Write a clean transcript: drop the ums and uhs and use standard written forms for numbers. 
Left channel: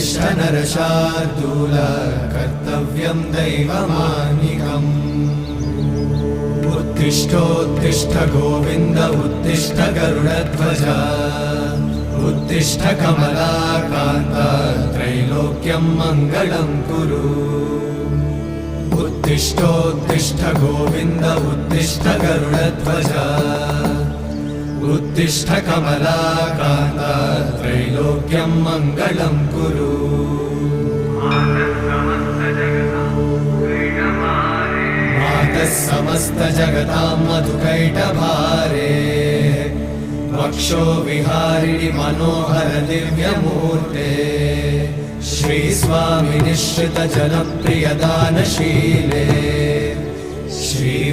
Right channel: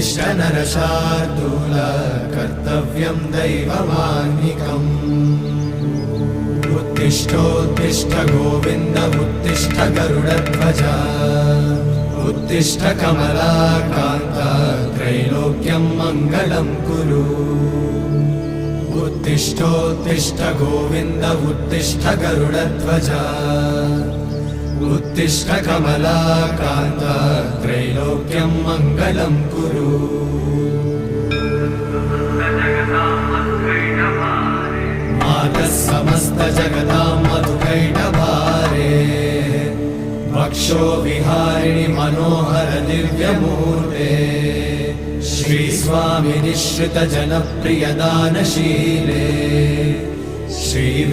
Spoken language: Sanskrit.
उत्तिष्ठ नरशार्दूल कर्तव्यं दैवमाह्निकम् उत्तिष्ठोत्तिष्ठ गोविन्द उत्तिष्ठ गरुडध्वज उत्तिष्ठ कमलाकान्त त्रैलोक्यं मङ्गलं कुरु उत्तिष्ठोत्तिष्ठ गोविन्द उत्तिष्ठ गरुडध्वज उत्तिष्ठ कमलाकान्त त्रैलोक्यं मङ्गलं कुरु मातः समस्त जगतां मधुकैटभारे वक्षो विहारिणि मनोहर दिव्यमूर्ते श्रीस्वामि निश्रित जनप्रिय दानशीले श्री